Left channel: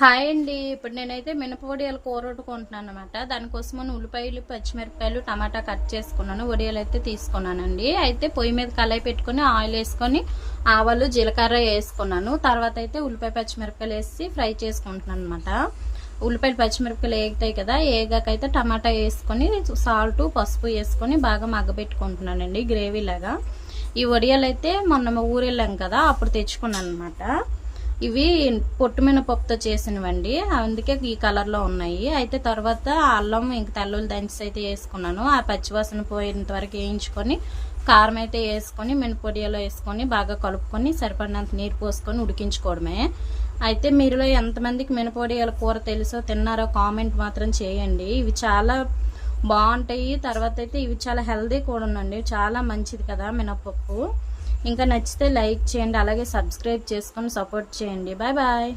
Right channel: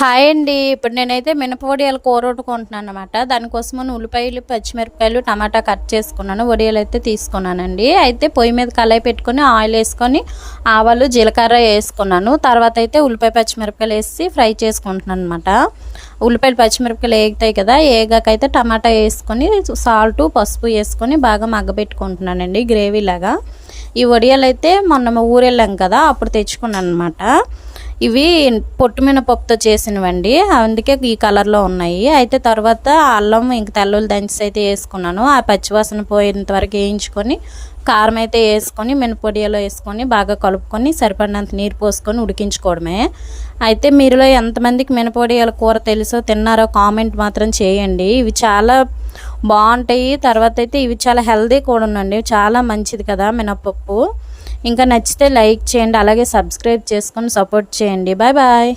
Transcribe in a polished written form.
Hi అండి. ఇప్పుడు నేనైతే మినప కూర వండుకుంటున్నాను అనమాట. దానికోసమని ఉల్లిపాయలు, పచ్చిమిరపకాయలు, టమాటా కట్ చేసుకున్నాను. వడియాలు అయితే తీసుకున్నానండి. అయితే పొయ్యి మీద కళాయి పెట్టుకొని ఆయిల్ వేసుకొని ఆవాలు, జీలకర్ర వేసుకున్నాను. తర్వాత అయితే ఉల్లిపాయ, పచ్చిమిరపకాయలు వేసి ఫ్రై చేసుకుంటున్నాను అనమాట. ఉల్లిపాయలు, పచ్చిమిరపకాయలు వేగుతాయి కదా, వేగాకైతే టమాటా వేసుకొని సాల్ట్, పసుపు వేసుకొని బాగా మగ్గబెట్టుకుంటున్నానండి గ్రేవీ లాగా. ఈ వడియాలు అయితే మొన్న ఊరెళ్ళాం కదా, అప్పుడు తెచ్చుకున్నాను అనమాట. ఇవి పొట్టు మినపప్పుతో చేసినవండి, అందుకే ఈ కలర్లో ఉన్నాయి. అయితే తర్వాత అల్లం ఇంక తెల్లుల్లి దంచి అయితే వేసుకున్నాను. ఆ పచ్చివాసన పోయేంత వరకు వేయించుకొని కారం అయితే వేసుకొని మినపొడియాలో వేసుకొని బాగా కలుపుకొని సరిపడినంత నీరు పోసుకొని ఉడికించుకోవడమే. అయితే మీరులో ఎంతమందికి మినపొడియాల కూర తెలుసో, తిన్నారో కామెంట్ మాత్రం చేయండి. ఇవి చాలా బాగుంటాయి. తర్వాత అయితే ఇవి చాలా హెల్దీ కూడా ఉండండి, చాలా మంచిది కదా మినపప్పు. ఇంకా నచ్చితే లైక్ చేయండి, అలాగే సబ్స్క్రైబ్ చేసుకొని సపోర్ట్ చేయండి. Bye bye.